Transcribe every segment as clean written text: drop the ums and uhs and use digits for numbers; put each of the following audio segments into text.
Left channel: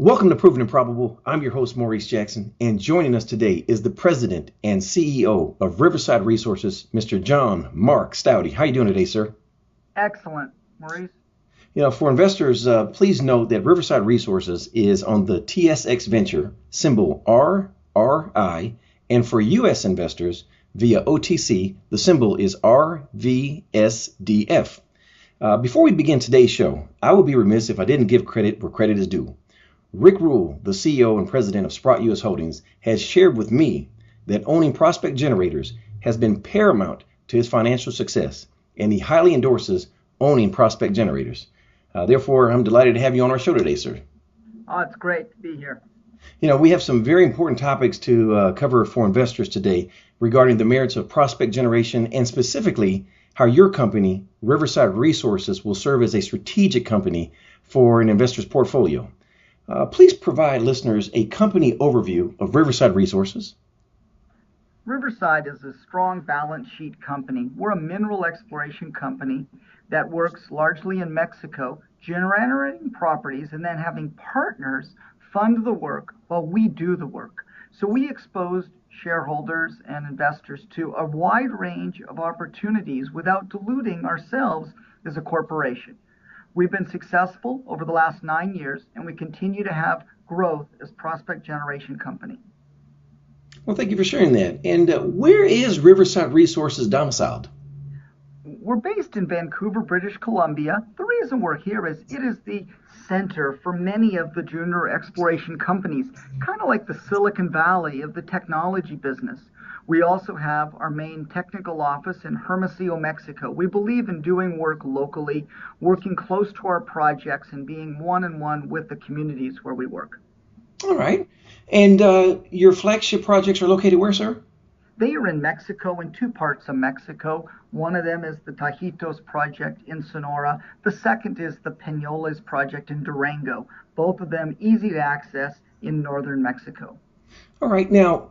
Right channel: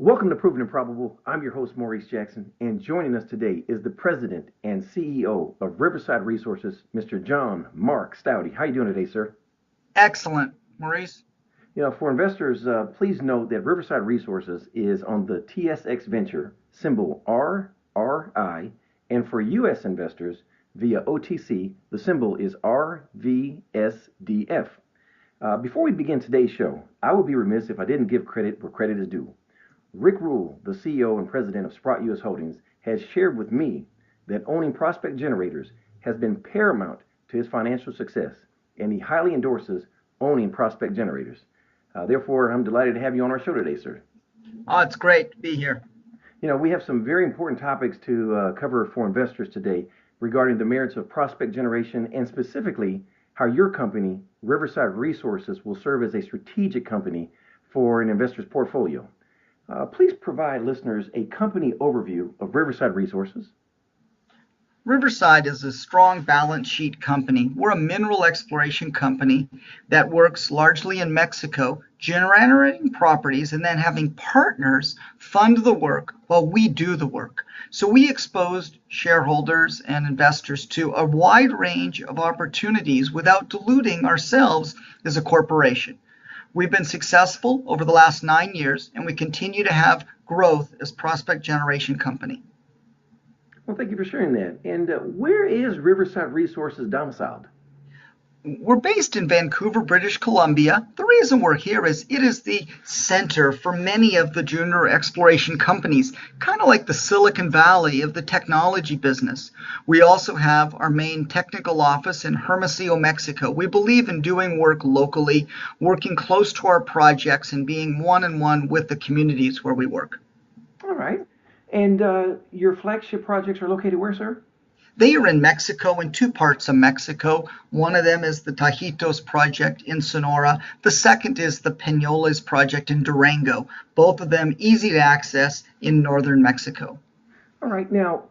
Welcome to Proven and Probable. I'm your host, Maurice Jackson, and joining us today is the President and CEO of Riverside Resources, Mr. John Mark Staude. How are you doing today, sir? Excellent, Maurice. For investors, please note that Riverside Resources is on the TSX Venture, symbol RRI, and for U.S. investors via OTC, the symbol is RVSDF. Before we begin today's show, I would be remiss if I didn't give credit where credit is due. Rick Rule, the CEO and president of Sprott US Holdings, has shared with me that owning prospect generators has been paramount to his financial success, and he highly endorses owning prospect generators. Therefore, I'm delighted to have you on our show today, sir. Oh, it's great to be here. We have some very important topics to cover for investors today regarding the merits of prospect generation and specifically how your company, Riverside Resources, will serve as a strategic company for an investor's portfolio. Please provide listeners a company overview of Riverside Resources. Riverside is a strong balance sheet company. We're a mineral exploration company that works largely in Mexico, generating properties and then having partners fund the work while we do the work. So we exposed shareholders and investors to a wide range of opportunities without diluting ourselves as a corporation. We've been successful over the last 9 years, and we continue to have growth as prospect generation company. Well, thank you for sharing that. And where is Riverside Resources domiciled? We're based in Vancouver, British Columbia. The reason we're here is it is the center for many of the junior exploration companies, kind of like the Silicon Valley of the technology business. We also have our main technical office in Hermosillo, Mexico. We believe in doing work locally, working close to our projects, and being one-on-one with the communities where we work. All right. And your flagship projects are located where, sir? They are in Mexico, in two parts of Mexico. One of them is the Tajitos project in Sonora. The second is the Penoles project in Durango. Both of them easy to access in northern Mexico. All right. Now,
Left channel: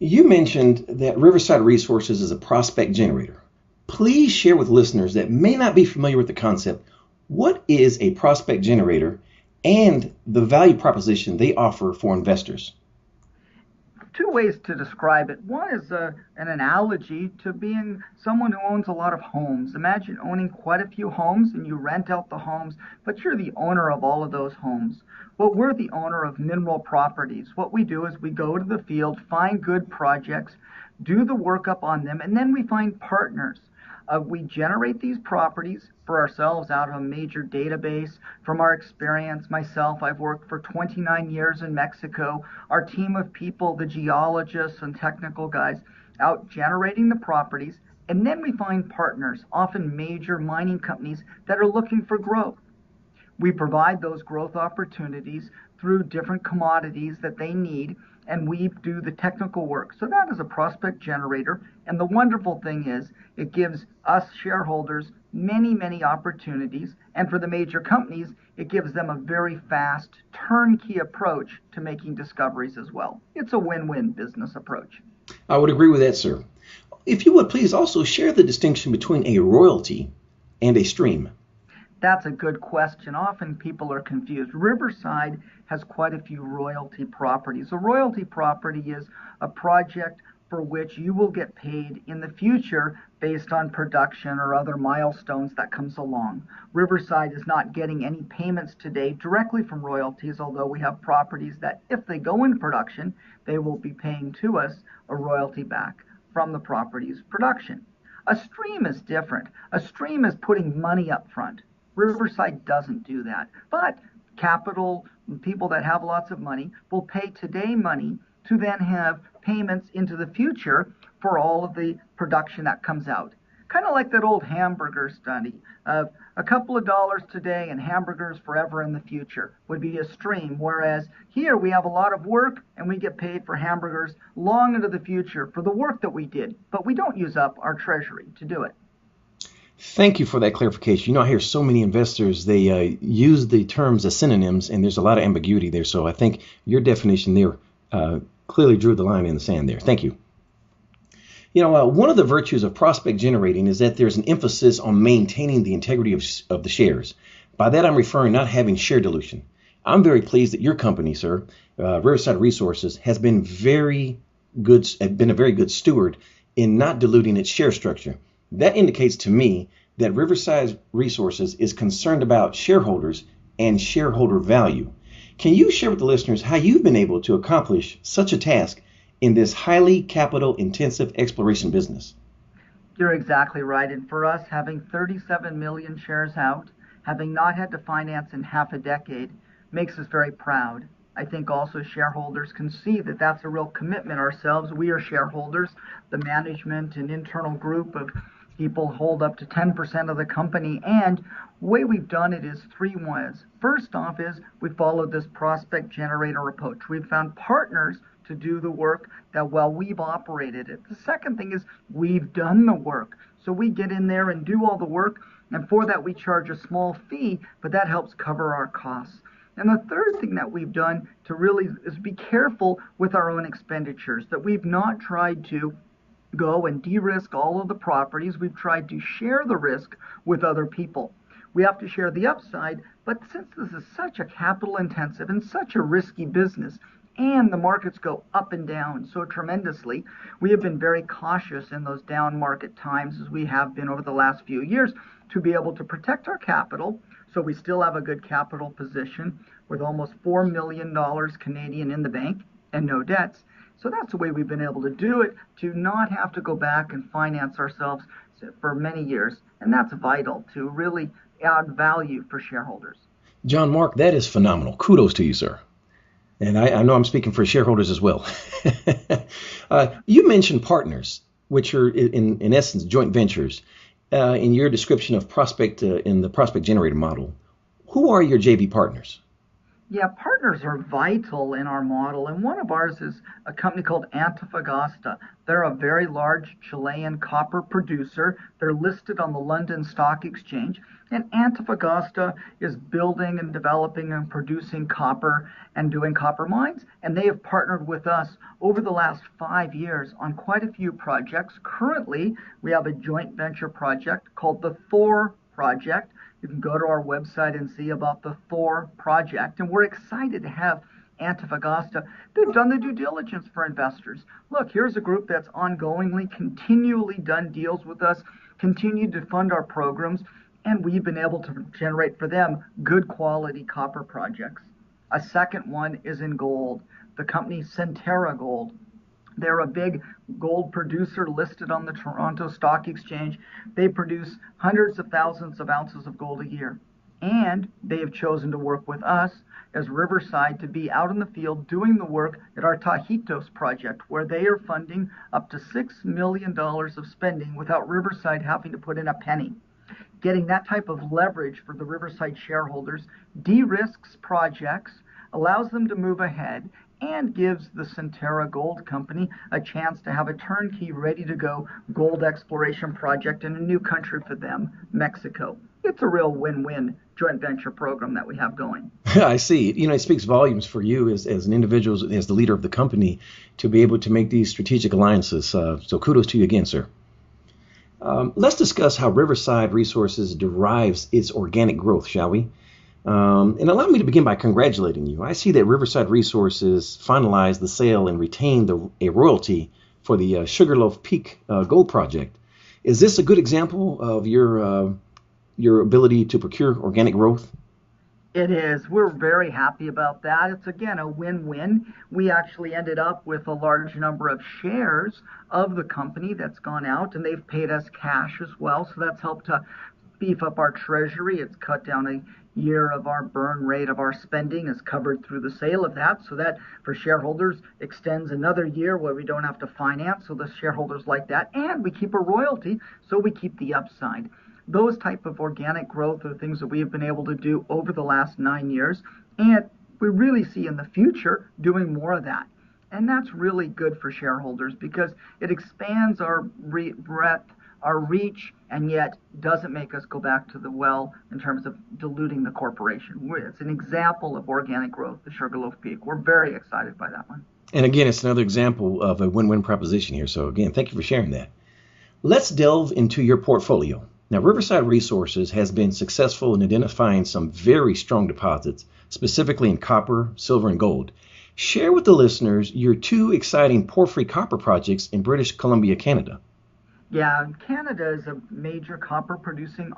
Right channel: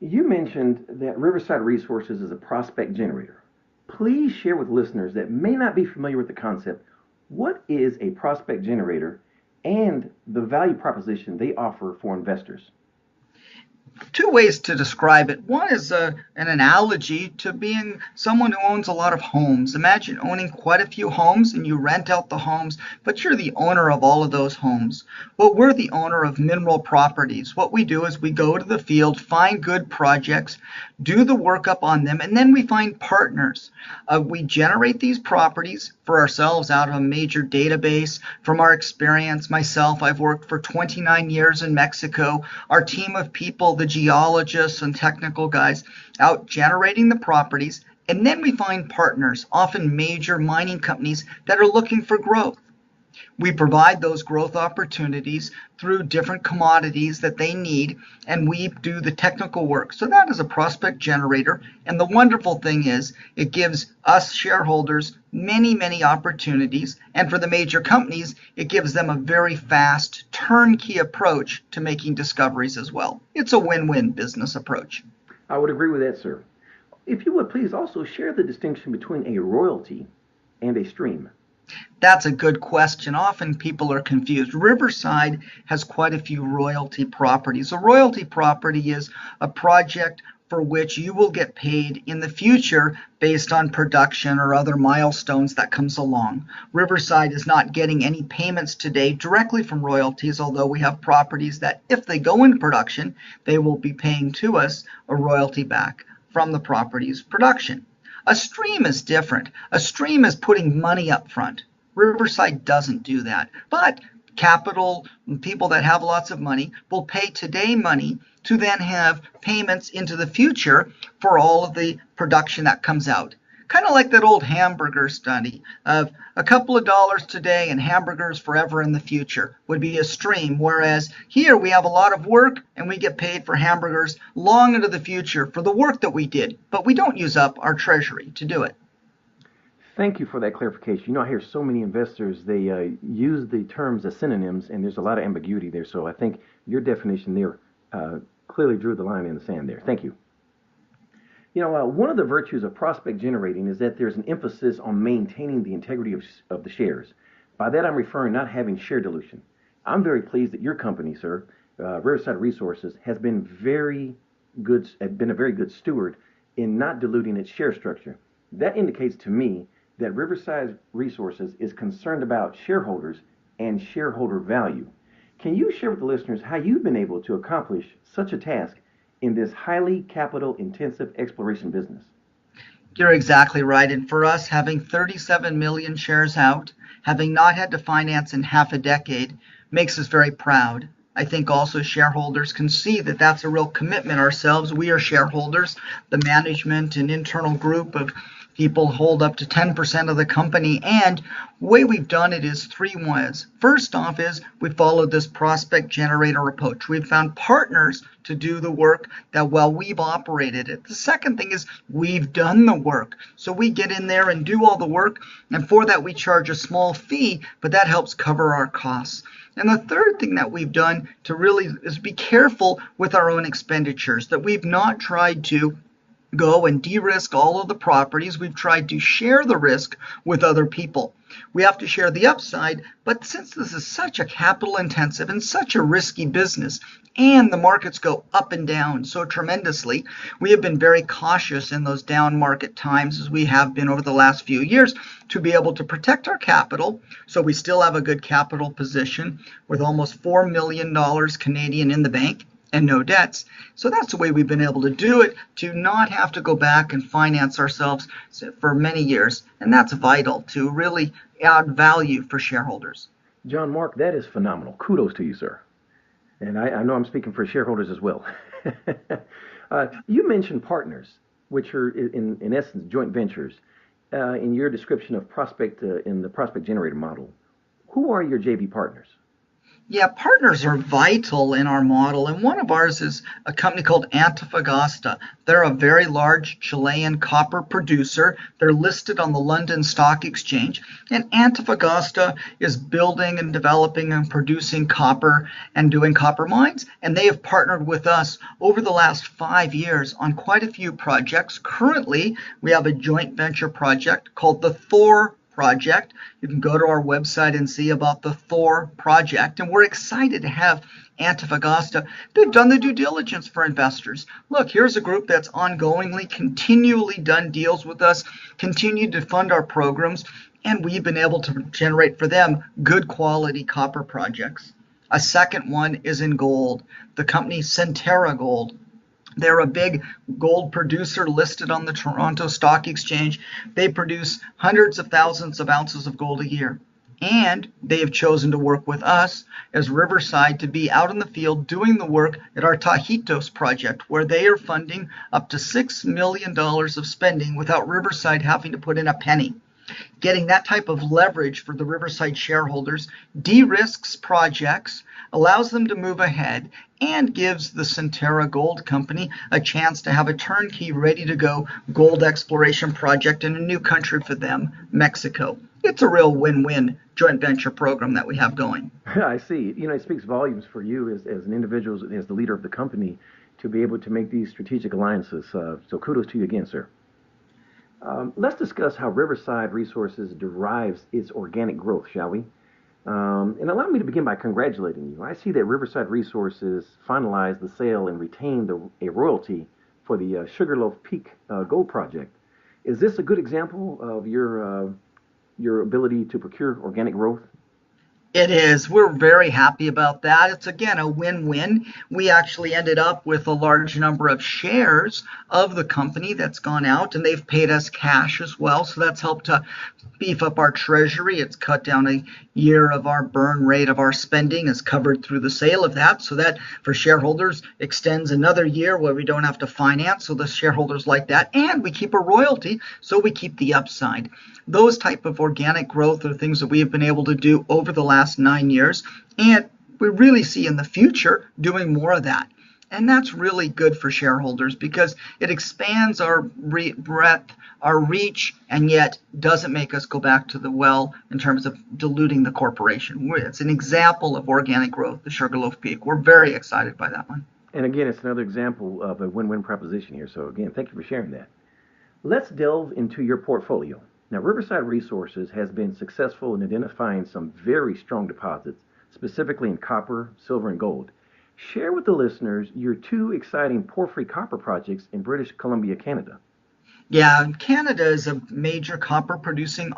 you mentioned that Riverside Resources is a prospect generator. Please share with listeners that may not be familiar with the concept, what is a prospect generator and the value proposition they offer for investors? Two ways to describe it. One is an analogy to being someone who owns a lot of homes. Imagine owning quite a few homes and you rent out the homes, but you're the owner of all of those homes. Well, we're the owner of mineral properties. What we do is we go to the field, find good projects, do the workup on them, and then we find partners. We generate these properties for ourselves out of a major database. From our experience, myself, I've worked for 29 years in Mexico. Our team of people, the geologists and technical guys, out generating the properties, and then we find partners, often major mining companies that are looking for growth. We provide those growth opportunities through different commodities that they need, and we do the technical work. So that is a prospect generator. And the wonderful thing is it gives us shareholders many, many opportunities. And for the major companies, it gives them a very fast turnkey approach to making discoveries as well. It's a win-win business approach. I would agree with that, sir. If you would please also share the distinction between a royalty and a stream. That's a good question. Often people are confused. Riverside has quite a few royalty properties. A royalty property is a project for which you will get paid in the future based on production or other milestones that comes along. Riverside is not getting any payments today directly from royalties, although we have properties that if they go into production, they will be paying to us a royalty back from the property's production. A stream is different. A stream is putting money up front. Riverside doesn't do that, but capital, people that have lots of money will pay today money to then have payments into the future for all of the production that comes out. Kind of like that old hamburger study of a couple of dollars today and hamburgers forever in the future would be a stream, whereas here we have a lot of work and we get paid for hamburgers long into the future for the work that we did, but we don't use up our treasury to do it. Thank you for that clarification. I hear so many investors, they use the terms as synonyms, and there's a lot of ambiguity there. So I think your definition there clearly drew the line in the sand there. Thank you. One of the virtues of prospect generating is that there's an emphasis on maintaining the integrity of the shares. By that, I'm referring not having share dilution. I'm very pleased that your company, sir, Riverside Resources, has been been a very good steward in not diluting its share structure. That indicates to me that Riverside Resources is concerned about shareholders and shareholder value. Can you share with the listeners how you've been able to accomplish such a task in this highly capital intensive exploration business? You're exactly right. And for us, having 37 million shares out, having not had to finance in half a decade, makes us very proud. I think also shareholders can see that that's a real commitment ourselves. We are shareholders. The management and internal group of people hold up to 10% of the company. And the way we've done it is three ways. First off is we followed this prospect generator approach. We've found partners to do the work that while we've operated it. The second thing is we've done the work. So we get in there and do all the work. And for that, we charge a small fee, but that helps cover our costs. And the third thing that we've done to really is be careful with our own expenditures, that we've not tried to go and de-risk all of the properties. We've tried to share the risk with other people. We have to share the upside, but since this is such a capital intensive and such a risky business, and the markets go up and down so tremendously, we have been very cautious in those down market times, as we have been over the last few years, to be able to protect our capital. So we still have a good capital position with almost $4 million Canadian in the bank and no debts. So that's the way we've been able to do it, to not have to go back and finance ourselves for many years. And that's vital to really add value for shareholders. John Mark, that is phenomenal. Kudos to you, sir. And I know I'm speaking for shareholders as well. You mentioned partners, which are in essence joint ventures. In your description of prospect in the prospect generator model, who are your JV partners? Yeah, partners are vital in our model, and one of ours is a company called Antofagasta. They're a very large Chilean copper producer. They're listed on the London Stock Exchange, and Antofagasta is building and developing and producing copper and doing copper mines, and they have partnered with us over the last 5 years on quite a few projects. Currently, we have a joint venture project called the Thor project. You can go to our website and see about the Thor project, and we're excited to have Antofagasta. They've done the due diligence for investors. Look, here's a group that's ongoingly, continually done deals with us, continued to fund our programs, and we've been able to generate for them good quality copper projects. A second one is in gold, the company Centerra Gold. They're a big gold producer listed on the Toronto Stock Exchange. They produce hundreds of thousands of ounces of gold a year. And they have chosen to work with us as Riverside to be out in the field doing the work at our Tajitos project, where they are funding up to $6 million of spending without Riverside having to put in a penny. Getting that type of leverage for the Riverside shareholders de-risks projects, allows them to move ahead, and gives the Centerra Gold Company a chance to have a turnkey, ready-to-go gold exploration project in a new country for them, Mexico. It's a real win-win joint venture program that we have going. I see. You know, it speaks volumes for you as an individual, as the leader of the company, to be able to make these strategic alliances. So kudos to you again, sir. Let's discuss how Riverside Resources derives its organic growth, shall we? And allow me to begin by congratulating you. I see that Riverside Resources finalized the sale and retained a royalty for the Sugarloaf Peak Gold Project. Is this a good example of your ability to procure organic growth? It is. We're very happy about that. It's, again, a win-win. We actually ended up with a large number of shares of the company that's gone out, and they've paid us cash as well. So that's helped to beef up our treasury. It's cut down a year of our burn rate of our spending is covered through the sale of that. So that for shareholders extends another year where we don't have to finance. So the shareholders like that. And we keep a royalty, so we keep the upside. Those type of organic growth are things that we have been able to do over the last 9 years. And we really see in the future doing more of that. And that's really good for shareholders because it expands our breadth, our reach, and yet doesn't make us go back to the well in terms of diluting the corporation. It's an example of organic growth, the Sugarloaf Peak. We're very excited by that one. And again, it's another example of a win-win proposition here. So again, thank you for sharing that. Let's delve into your portfolio. Now, Riverside Resources has been successful in identifying some very strong deposits, specifically in copper, silver, and gold. Share with the listeners your two exciting porphyry copper projects in British Columbia, Canada. Yeah, Canada is a major copper producing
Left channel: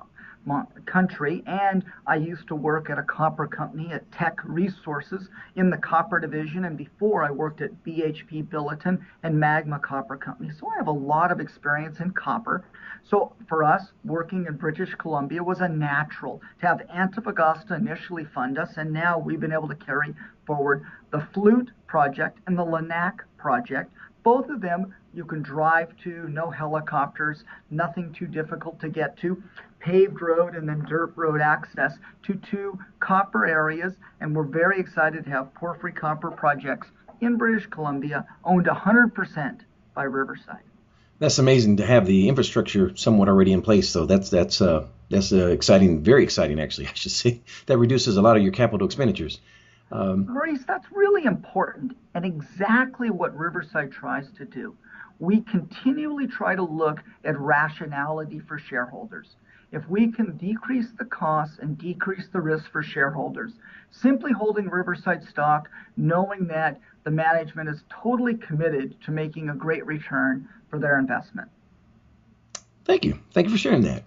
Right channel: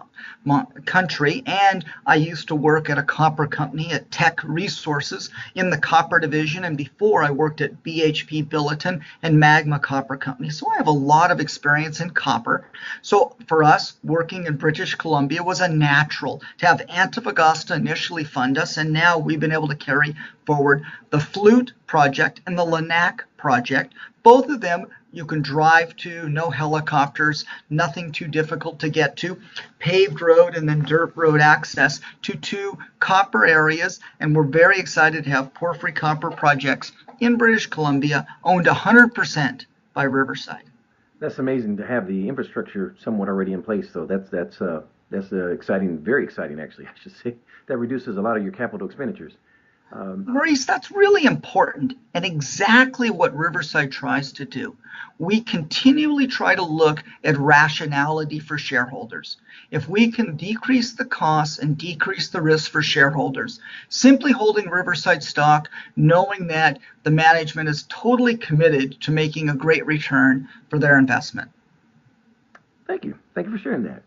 country, and I used to work at a copper company at Teck Resources in the copper division, and before I worked at BHP Billiton and Magma Copper Company. So I have a lot of experience in copper. So for us, working in British Columbia was a natural to have Antofagasta initially fund us, and now we've been able to carry forward the Flute project and the Lennac project. Both of them you can drive to, no helicopters, nothing too difficult to get to, paved road and then dirt road access to two copper areas. And we're very excited to have porphyry copper projects in British Columbia owned 100% by Riverside. That's amazing to have the infrastructure somewhat already in place. So that's exciting, very exciting actually, I should say. That reduces a lot of your capital expenditures. Maurice, that's really important and exactly what Riverside tries to do. We continually try to look at rationality for shareholders. If we can decrease the costs and decrease the risk for shareholders, simply holding Riverside stock, knowing that the management is totally committed to making a great return for their investment. Thank you. Thank you for sharing that.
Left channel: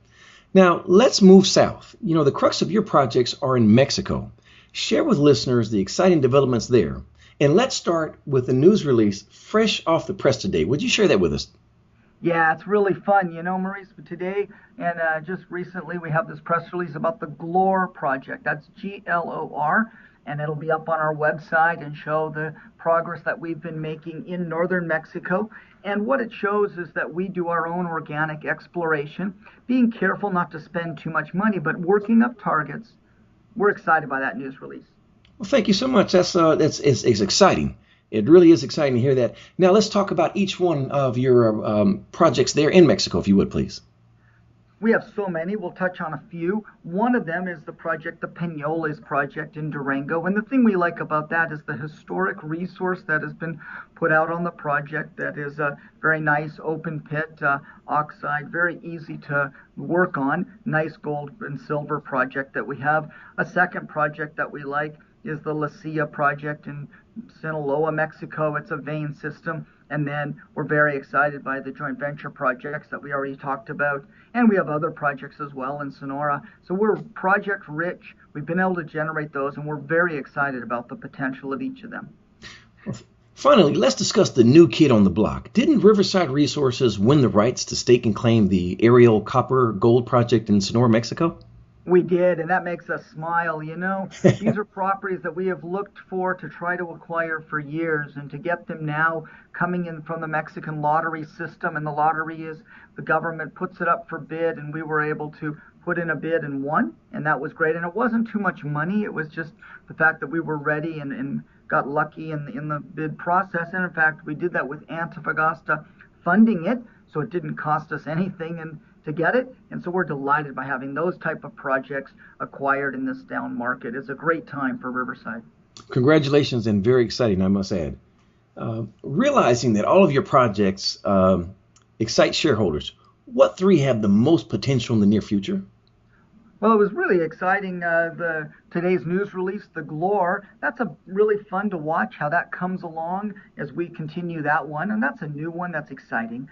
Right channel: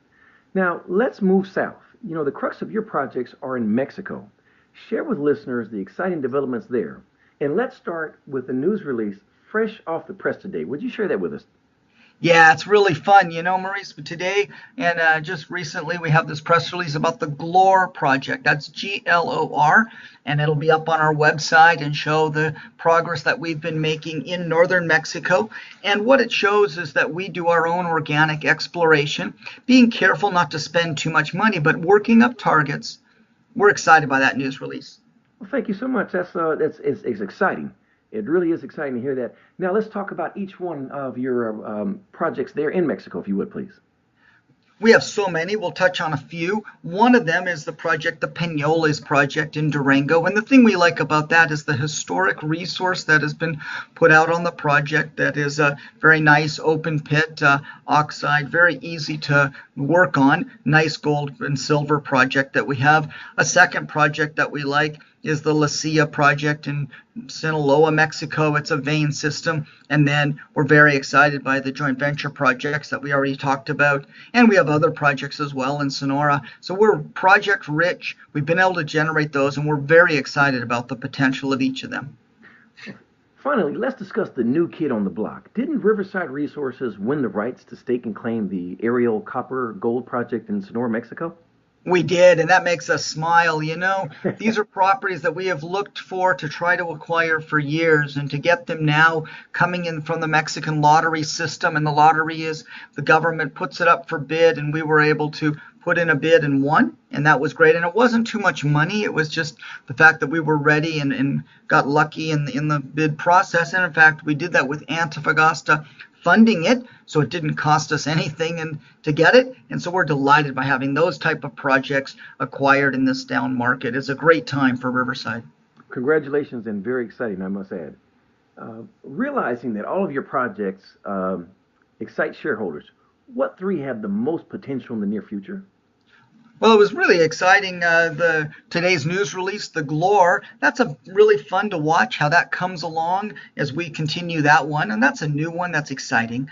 Now, let's move south. You know, the crux of your projects are in Mexico. Share with listeners the exciting developments there. And let's start with the news release fresh off the press today. Would you share that with us? Yeah, it's really fun, Maurice. But today and just recently, we have this press release about the Glor Project. That's Glor, and it'll be up on our website and show the progress that we've been making in northern Mexico. And what it shows is that we do our own organic exploration, being careful not to spend too much money, but working up targets. We're excited by that news release. Well, thank you so much. It's exciting. It really is exciting to hear that. Now let's talk about each one of your projects there in Mexico, if you would, please. We have so many. We'll touch on a few. One of them is the Penoles project in Durango. And the thing we like about that is the historic resource that has been put out on the project. That is a very nice open pit oxide, very easy to work on. Nice gold and silver project that we have. A second project that we like is the La Silla project in Sinaloa, Mexico. It's a vein system. And then we're very excited by the joint venture projects that we already talked about. And we have other projects as well in Sonora. So we're project rich. We've been able to generate those, and we're very excited about the potential of each of them. Finally, let's discuss the new kid on the block. Didn't Riverside Resources win the rights to stake and claim the Airel copper gold project in Sonora, Mexico? We did, and that makes us smile. These are properties that we have looked for to try to acquire for years, and to get them now coming in from the Mexican lottery system. And the lottery is the government puts it up for bid, and we were able to put in a bid and won, and that was great. And it wasn't too much money. It was just the fact that we were ready and got lucky in the bid process. And in fact, we did that with Antofagasta funding it, so it didn't cost us anything and to get it. And so we're delighted by having those type of projects acquired in this down market. It's a great time for Riverside. Congratulations, and very exciting, I must add. Realizing that all of your projects excite shareholders, what three have the most potential in the near future? Well, it was really exciting, today's news release, the Glor. That's a really fun to watch how that comes along as we continue that one. And that's a new one that's exciting.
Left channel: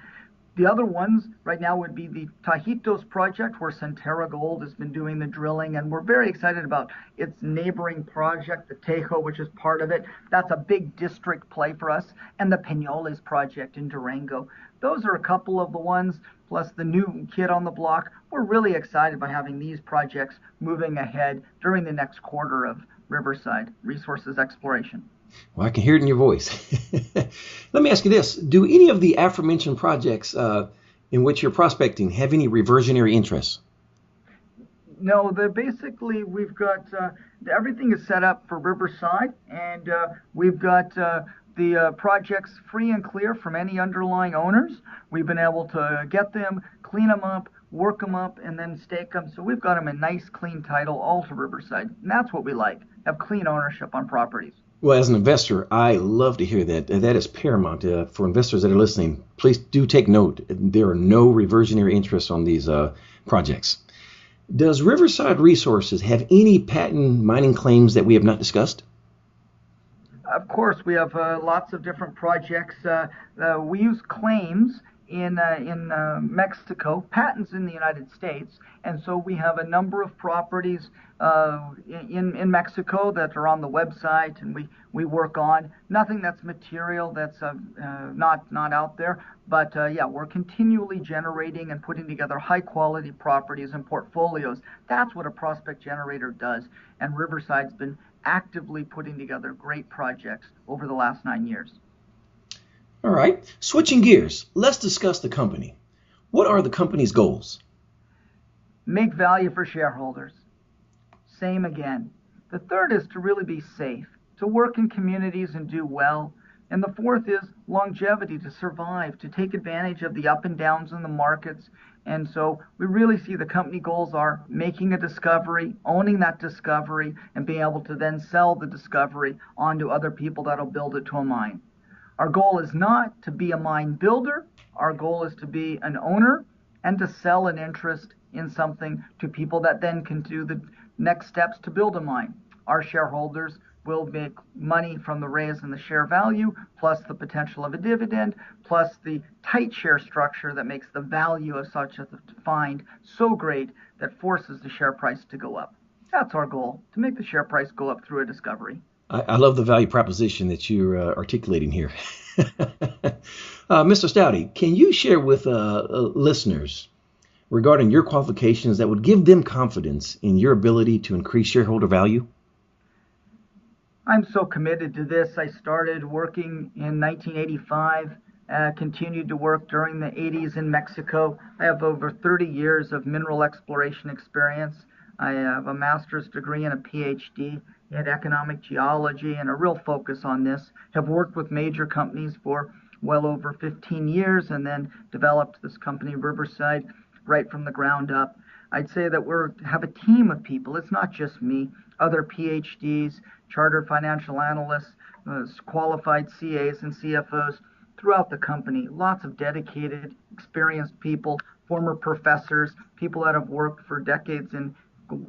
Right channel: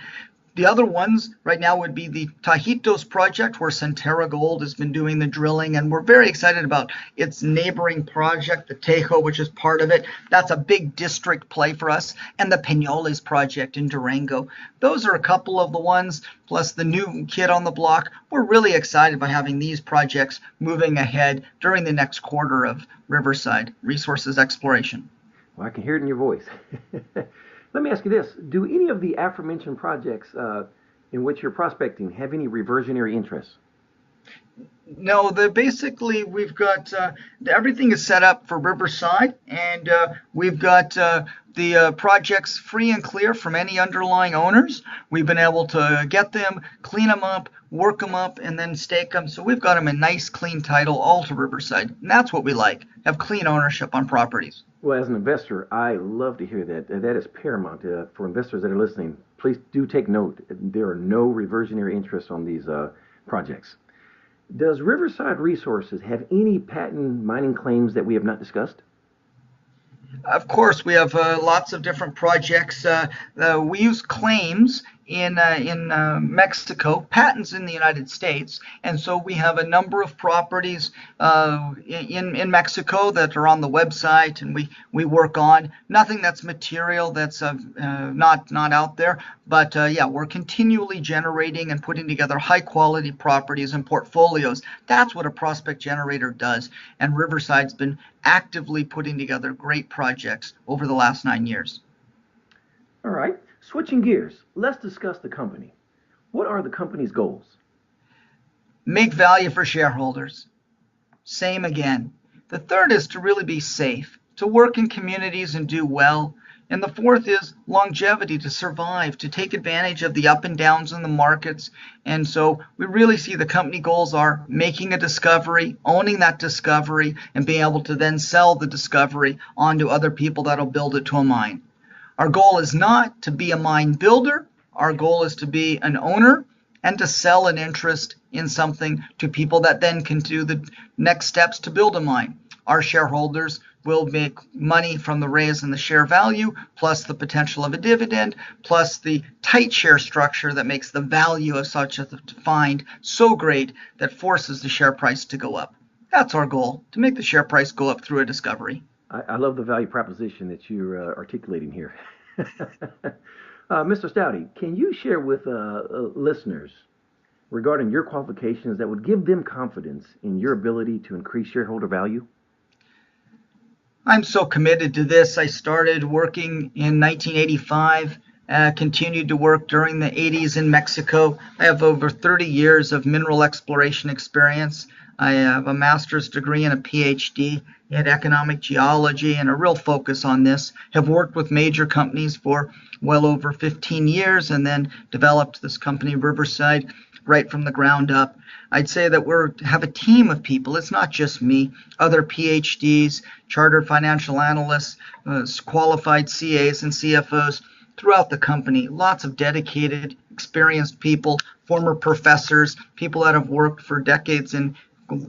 The other ones right now would be the Tajitos project, where Centerra Gold has been doing the drilling, and we're very excited about its neighboring project, the Tejo, which is part of it. That's a big district play for us, and the Penoles project in Durango. Those are a couple of the ones, plus the new kid on the block. We're really excited by having these projects moving ahead during the next quarter of Riverside Resources exploration. Well, I can hear it in your voice. Let me ask you this. Do any of the aforementioned projects in which you're prospecting have any reversionary interests? No, basically we've got everything is set up for Riverside, and we've got the projects free and clear from any underlying owners. We've been able to get them, clean them up, work them up, and then stake them. So we've got them in nice, clean title all to Riverside. And that's what we like, have clean ownership on properties. Well, as an investor, I love to hear that. That is paramount for investors that are listening. Please do take note. There are no reversionary interests on these projects. Does Riverside Resources have any patent mining claims that we have not discussed? Of course, we have lots of different projects. We use claims in Mexico, patents in the United States, and so we have a number of properties in Mexico that are on the website, and we work on nothing that's material, that's not out there. But yeah, we're continually generating and putting together high quality properties and portfolios. That's what a prospect generator does, and Riverside's been actively putting together great projects over the last 9 years. All right, switching gears, let's discuss the company. What are the company's goals? Make value for shareholders. Same again. The third is to really be safe, to work in communities and do well. And the fourth is longevity, to survive, to take advantage of the up and downs in the markets. And so we really see the company goals are making a discovery, owning that discovery, and being able to then sell the discovery on to other people that'll build it to a mine. Our goal is not to be a mine builder. Our goal is to be an owner and to sell an interest in something to people that then can do the next steps to build a mine. Our shareholders will make money from the raise in the share value, plus the potential of a dividend, plus the tight share structure that makes the value of such a find so great that forces the share price to go up. That's our goal, to make the share price go up through a discovery. I love the value proposition that you're articulating here. Mr. Staude, can you share with listeners regarding your qualifications that would give them confidence in your ability to increase shareholder value? I'm so committed to this. I started working in 1985, continued to work during the 80s in Mexico. I have over 30 years of mineral exploration experience. I have a master's degree and a PhD in economic geology and a real focus on this. Have worked with major companies for well over 15 years and then developed this company, Riverside, right from the ground up. I'd say that we have a team of people. It's not just me, other PhDs, chartered financial analysts, qualified CAs and CFOs throughout the company. Lots of dedicated, experienced people, former professors, people that have worked for decades in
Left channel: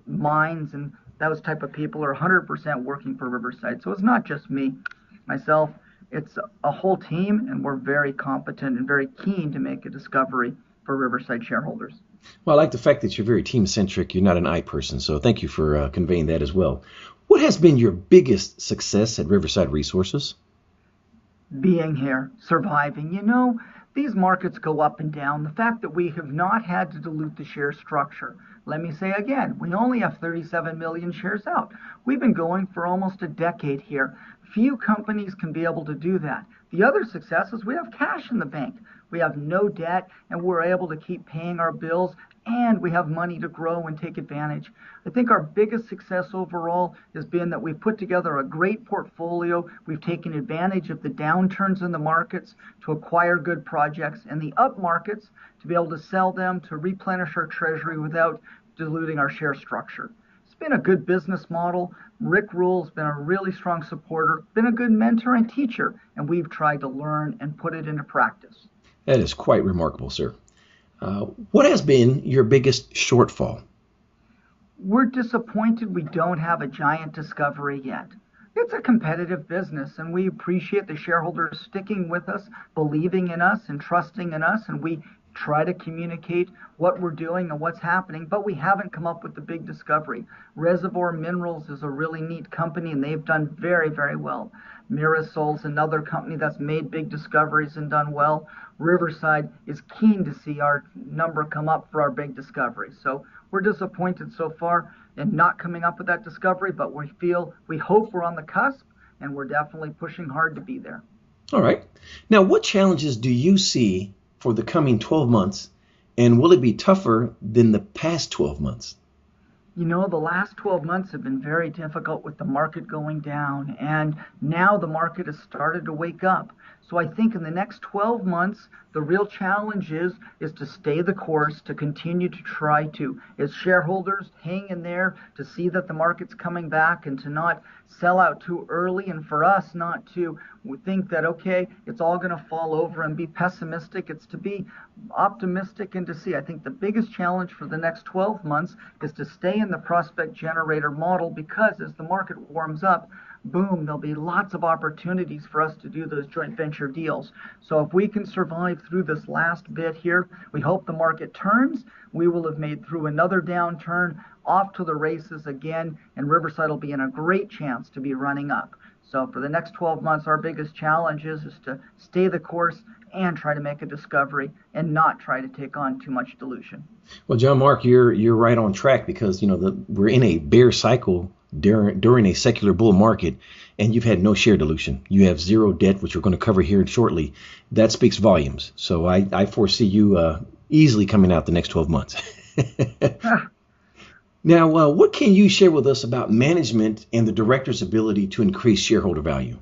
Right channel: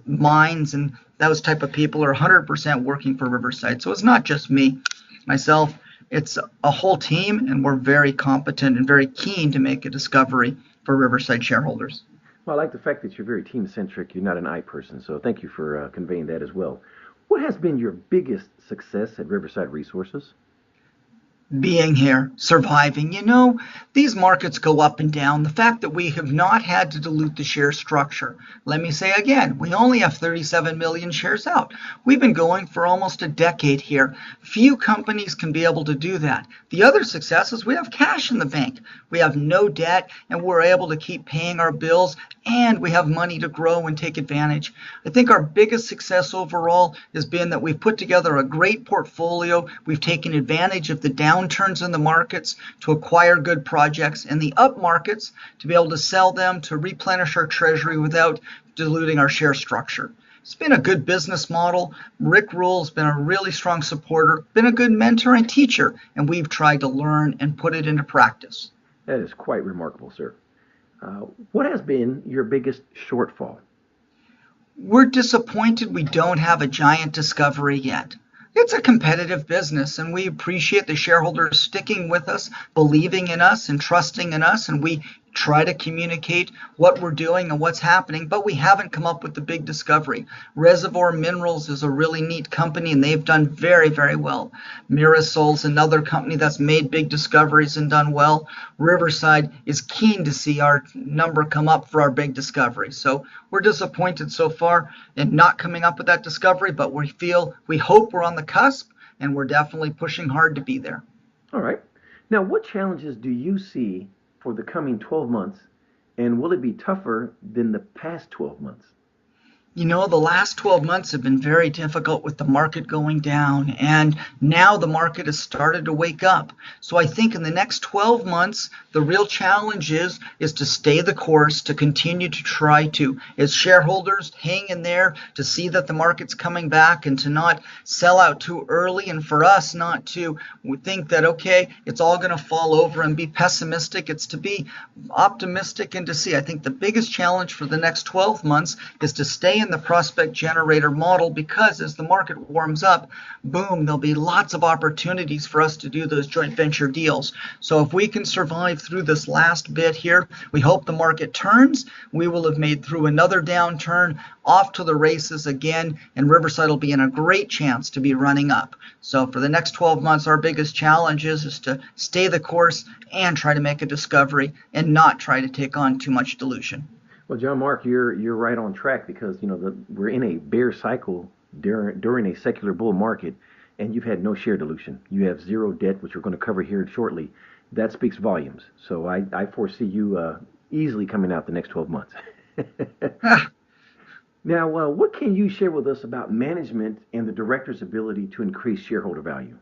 mines, and those type of people are 100% working for Riverside. So it's not just me, myself, it's a whole team, and we're very competent and very keen to make a discovery for Riverside shareholders. Well, I like the fact that you're very team-centric. You're not an I person, so thank you for conveying that as well. What has been your biggest success at Riverside Resources? Being here, surviving. You know, these markets go up and down. The fact that we have not had to dilute the share structure. Let me say again, we only have 37 million shares out. We've been going for almost a decade here. Few companies can be able to do that. The other success is we have cash in the bank. We have no debt, and we're able to keep paying our bills, and we have money to grow and take advantage. I think our biggest success overall has been that we've put together a great portfolio. We've taken advantage of the downturns in the markets to acquire good projects, and the up markets to be able to sell them to replenish our treasury without diluting our share structure. It's been a good business model. Rick Rule's been a really strong supporter, been a good mentor and teacher, and we've tried to learn and put it into practice. That is quite remarkable, sir. What has been your biggest shortfall? We're disappointed we don't have a giant discovery yet. It's a competitive business, and we appreciate the shareholders sticking with us, believing in us, and trusting in us, and we try to communicate what we're doing and what's happening, but we haven't come up with the big discovery. Reservoir Minerals is a really neat company, and they've done very, very well. Mirasol's another company that's made big discoveries and done well. Riverside is keen to see our number come up for our big discovery. So we're disappointed so far in not coming up with that discovery, but we hope we're on the cusp, and we're definitely pushing hard to be there. All right. Now, what challenges do you see for the coming 12 months, and will it be tougher than the past 12 months? You know, the last 12 months have been very difficult with the market going down, and now the market has started to wake up. So I think in the next 12 months, the real challenge is to stay the course, to continue to try to, as shareholders, hang in there to see that the market's coming back and to not sell out too early, and for us not to think that, okay, it's all going to fall over and be pessimistic. It's to be optimistic and to see. I think the biggest challenge for the next 12 months is to stay in the prospect generator model, because as the market warms up, boom, there'll be lots of opportunities for us to do those joint venture deals. So if we can survive through this last bit here, we hope the market turns. We will have made through another downturn, off to the races again, and Riverside will be in a great chance to be running up. So for the next 12 months, our biggest challenge is to stay the course and try to make a discovery and not try to take on too much dilution. Well, John Mark, you're right on track, because we're in a bear cycle during a secular bull market, and you've had no share dilution. You have zero debt, which we're going to cover here shortly. That speaks volumes. So I foresee you easily coming out the next 12 months. Now, what can you share with us about management and the director's ability to increase shareholder value?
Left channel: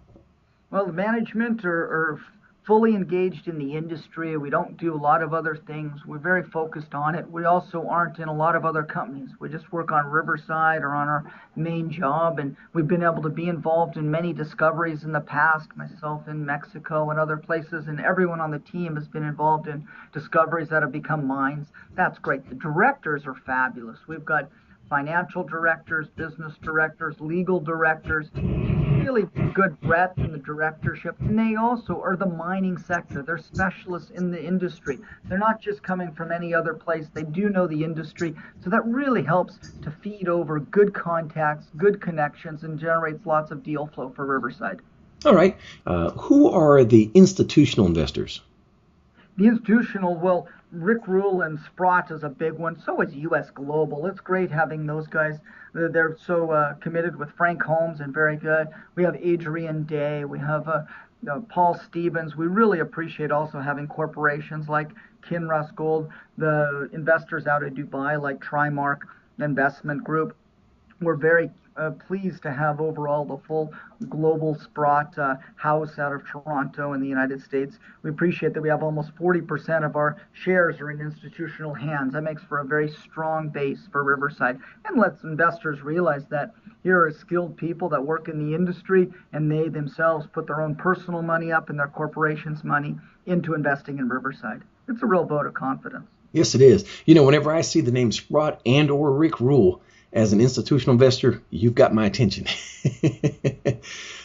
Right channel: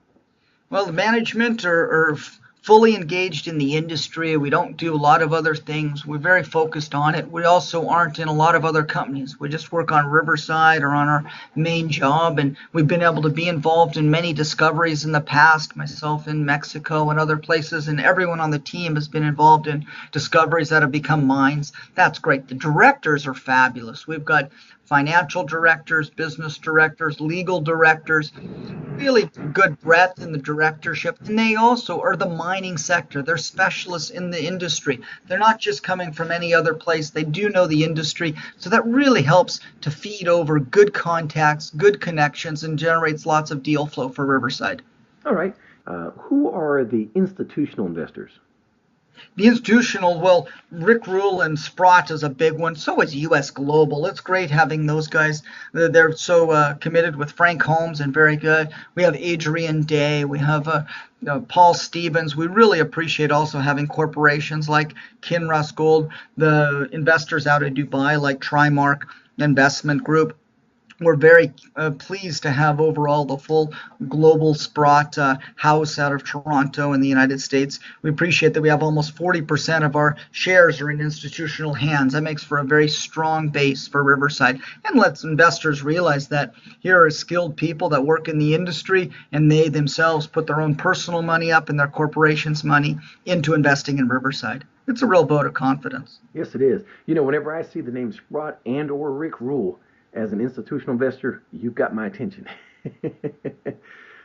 Well, the management are fully engaged in the industry. We don't do a lot of other things. We're very focused on it. We also aren't in a lot of other companies. We just work on Riverside or on our main job, and we've been able to be involved in many discoveries in the past, myself in Mexico and other places, and everyone on the team has been involved in discoveries that have become mines. That's great. The directors are fabulous. We've got financial directors, business directors, legal directors, really good breadth in the directorship. And they also are the mining sector. They're specialists in the industry. They're not just coming from any other place. They do know the industry. So that really helps to feed over good contacts, good connections, and generates lots of deal flow for Riverside. All right. Who are the institutional investors? The institutional, well, Rick Rule and Sprott is a big one. So is US Global. It's great having those guys. They're so committed with Frank Holmes and very good. We have Adrian Day. We have Paul Stevens. We really appreciate also having corporations like Kinross Gold, the investors out of Dubai like Trimark Investment Group. We're very pleased to have overall the full global Sprott house out of Toronto in the United States. We appreciate that we have almost 40% of our shares are in institutional hands. That makes for a very strong base for Riverside, and lets investors realize that here are skilled people that work in the industry, and they themselves put their own personal money up and their corporation's money into investing in Riverside. It's a real vote of confidence. Yes, it is. Whenever I see the name Sprott and or Rick Rule as an institutional investor, you've got my attention.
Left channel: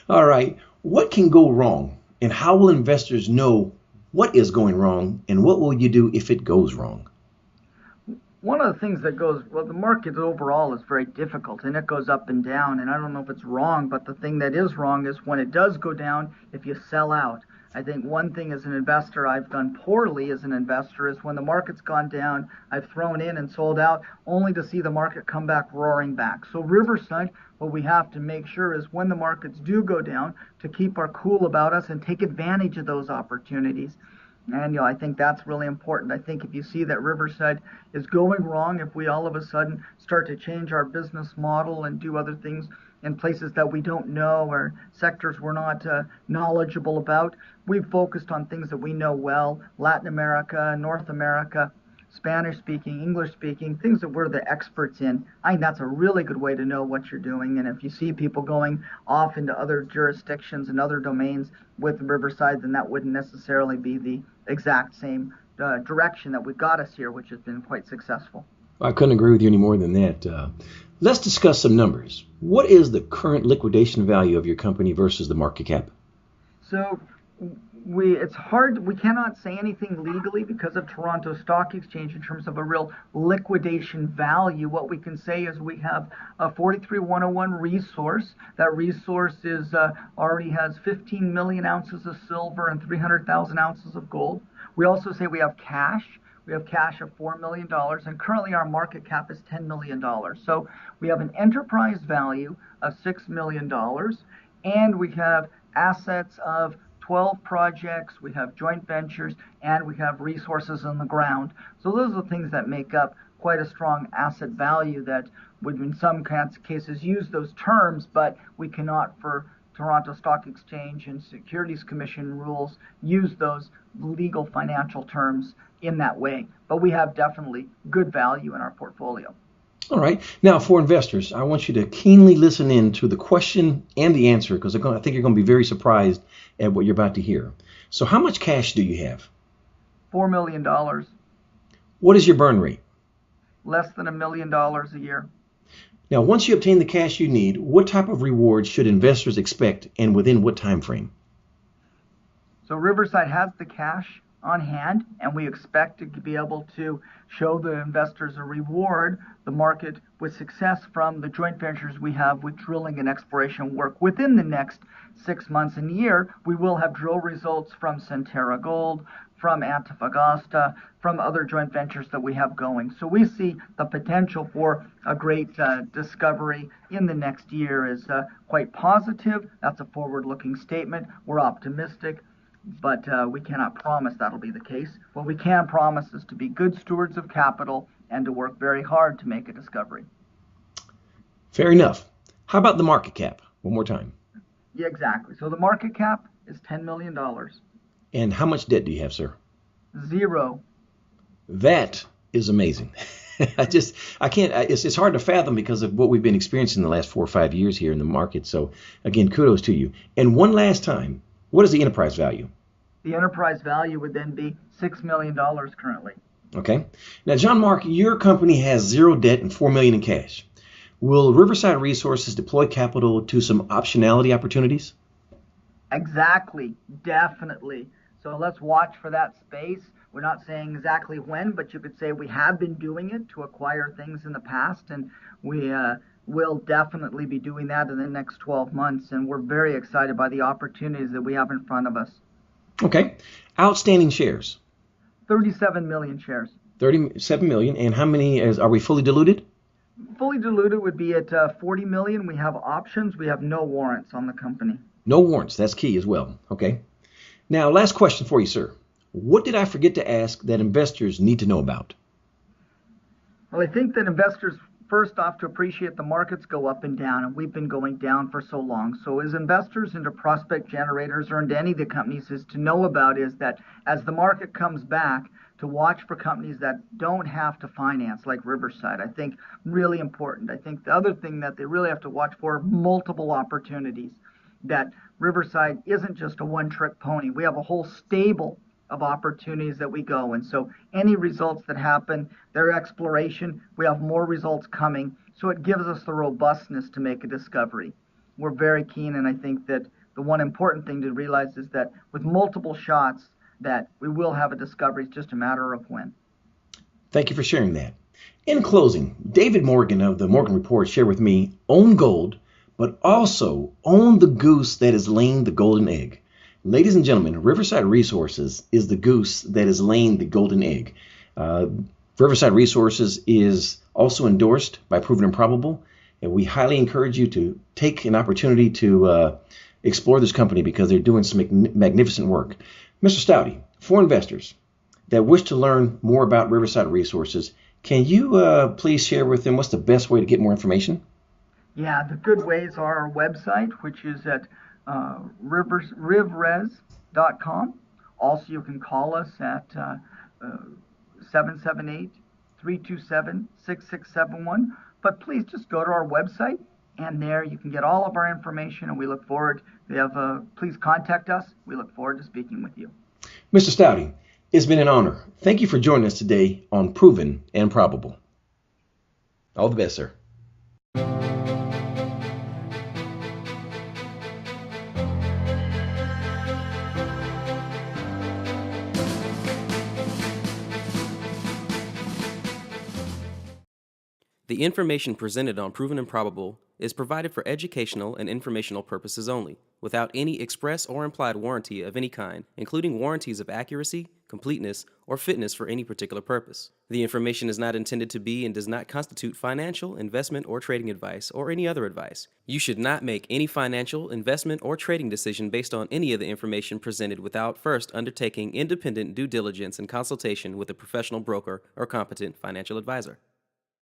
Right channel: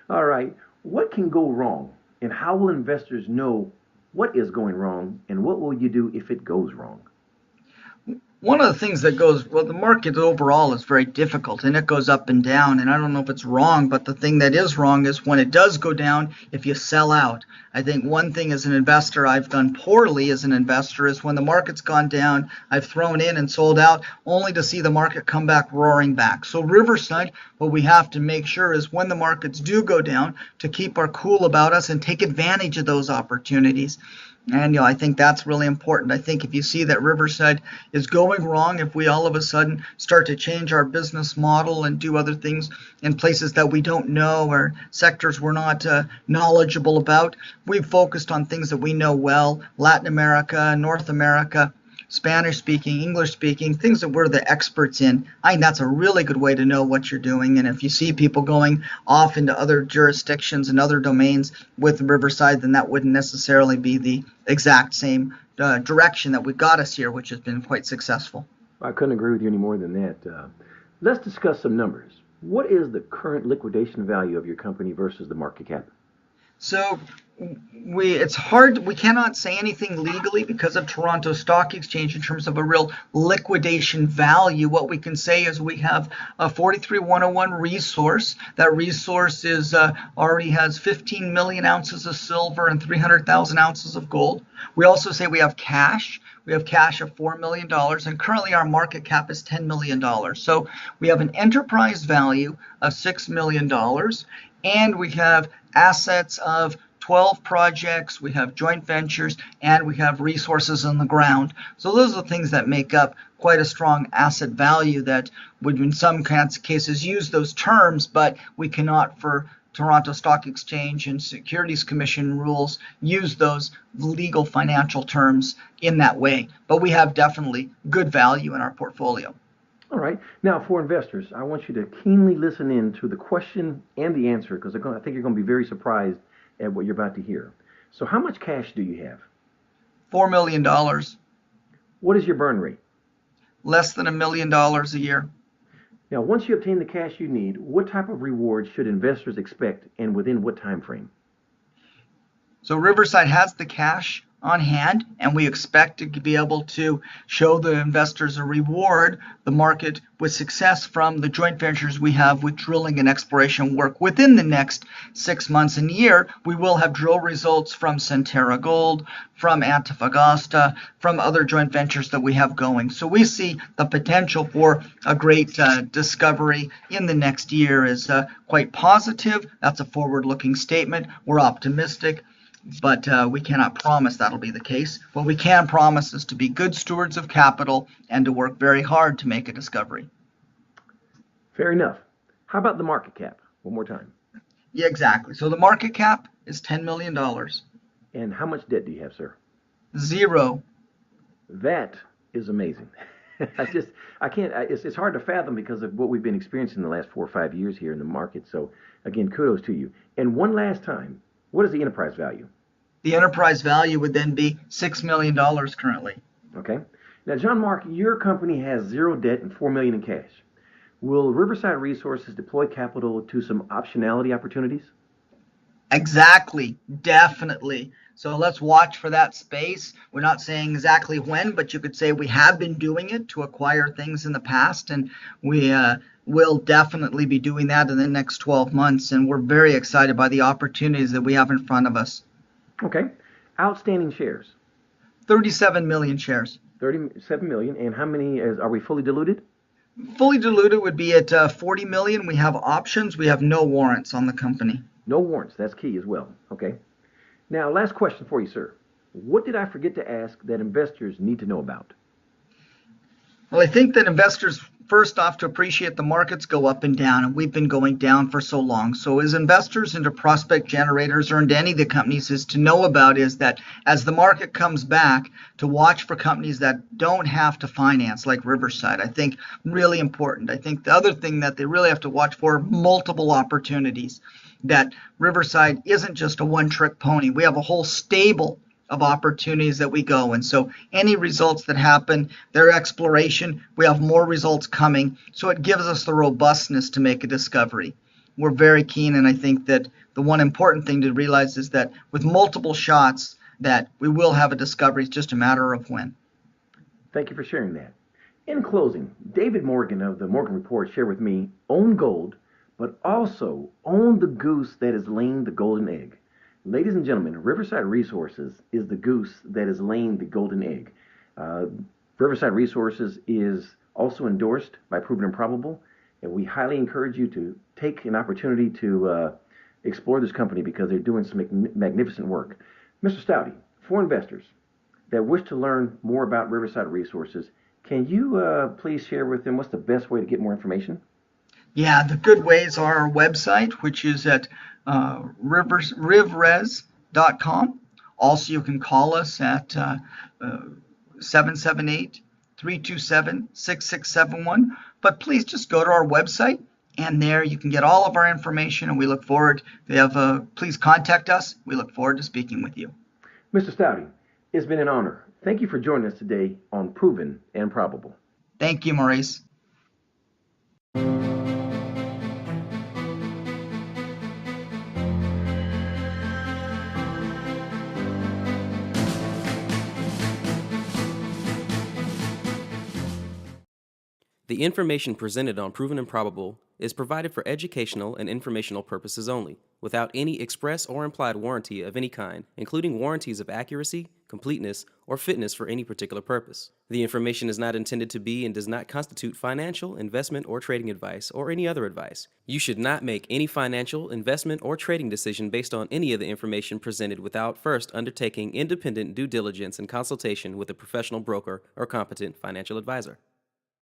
All right. What can go wrong, and how will investors know what is going wrong, and what will you do if it goes wrong? One of the things that goes, well, the market overall is very difficult, and it goes up and down, and I don't know if it's wrong, but the thing that is wrong is when it does go down, if you sell out. I think one thing as an investor I've done poorly as an investor is when the market's gone down, I've thrown in and sold out only to see the market come back roaring back. So Riverside, what we have to make sure is when the markets do go down, to keep our cool about us and take advantage of those opportunities. And I think that's really important. I think if you see that Riverside is going wrong, if we all of a sudden start to change our business model and do other things in places that we don't know or sectors we're not knowledgeable about, we've focused on things that we know well: Latin America, North America, Spanish speaking, English speaking, things that we're the experts in. I think that's a really good way to know what you're doing. And if you see people going off into other jurisdictions and other domains with Riverside, then that wouldn't necessarily be the exact same direction that we got us here, which has been quite successful. I couldn't agree with you any more than that. Let's discuss some numbers. What is the current liquidation value of your company versus the market cap? So it's hard. We cannot say anything legally because of Toronto Stock Exchange in terms of a real liquidation value. What we can say is we have a 43101 resource. That resource is already has 15 million ounces of silver and 300,000 ounces of gold. We also say we have cash. We have cash of $4 million, and currently our market cap is $10 million. So we have an enterprise value of $6 million, and we have assets of 12 projects, we have joint ventures, and we have resources on the ground. So those are the things that make up quite a strong asset value that would in some cases use those terms, but we cannot, for Toronto Stock Exchange and Securities Commission rules, use those legal financial terms in that way. But we have definitely good value in our portfolio. All right. Now, for investors, I want you to keenly listen in to the question and the answer, because I think you're going to be very surprised at what you're about to hear. So how much cash do you have? $4 million. What is your burn rate? Less than $1 million a year. Now, once you obtain the cash you need, what type of rewards should investors expect, and within what time frame? So Riverside has the cash on hand, and we expect to be able to show the investors a reward, the market, with success from the joint ventures we have with drilling and exploration work. Within the next 6 months and year, we will have drill results from Centerra Gold, from Antofagasta, from other joint ventures that we have going. So we see the potential for a great discovery in the next year is quite positive. That's a forward-looking statement. We're optimistic, but we cannot promise that'll be the case. What we can promise is to be good stewards of capital and to work very hard to make a discovery. Fair enough. How about the market cap? One more time. Yeah, exactly. So the market cap is $10 million. And how much debt do you have, sir? 0. That is amazing. I can't, it's hard to fathom because of what we've been experiencing the last 4 or 5 years here in the market. So again, kudos to you. And one last time, what is the enterprise value? The enterprise value would then be $6 million currently. Okay. Now, John Mark, your company has 0 debt and $4 million in cash. Will Riverside Resources deploy capital to some optionality opportunities? Exactly. Definitely. So let's watch for that space. We're not saying exactly when, but you could say we have been doing it to acquire things in the past, and we will definitely be doing that in the next 12 months, and we're very excited by the opportunities that we have in front of us. Okay. Outstanding shares? 37 million shares. 37 million. And how many are we fully diluted? Fully diluted would be at 40 million. We have options. We have no warrants on the company. No warrants. That's key as well. Okay. Now, last question for you, sir. What did I forget to ask that investors need to know about? Well, I think that investors, first off, to appreciate the markets go up and down, and we've been going down for so long. So as investors into prospect generators or into any of the companies is to know about is that as the market comes back, to watch for companies that don't have to finance, like Riverside. I think really important. I think the other thing that they really have to watch for, multiple opportunities. That Riverside isn't just a one-trick pony. We have a whole stable of opportunities that we go. And so any results that happen, their exploration, we have more results coming. So it gives us the robustness to make a discovery. We're very keen, and I think that the one important thing to realize is that with multiple shots, that we will have a discovery. It's just a matter of when. Thank you for sharing that. In closing, David Morgan of the Morgan Report shared with me, own gold, but also own the goose that is laying the golden egg. Ladies and gentlemen, Riverside Resources is the goose that is laying the golden egg. Riverside Resources is also endorsed by Proven and Probable, and we highly encourage you to take an opportunity to explore this company because they're doing some magnificent work. Mr. Staude, for investors that wish to learn more about Riverside Resources, can you please share with them what's the best way to get more information? Yeah, the good ways are our website, which is at rivres.com. Also, you can call us at 778-327-6671. But please just go to our website, and there you can get all of our information, and we look forward. Please contact us. We look forward to speaking with you. Mr. Staude, it's been an honor. Thank you for joining us today on Proven and Probable. Thank you, Maurice. All the best, sir. The information presented on Proven and Probable is provided for educational and informational purposes only, without any express or implied warranty of any kind, including warranties of accuracy, completeness, or fitness for any particular purpose. The information is not intended to be and does not constitute financial, investment, or trading advice, or any other advice. You should not make any financial, investment, or trading decision based on any of the information presented without first undertaking independent due diligence and consultation with a professional broker or competent financial advisor.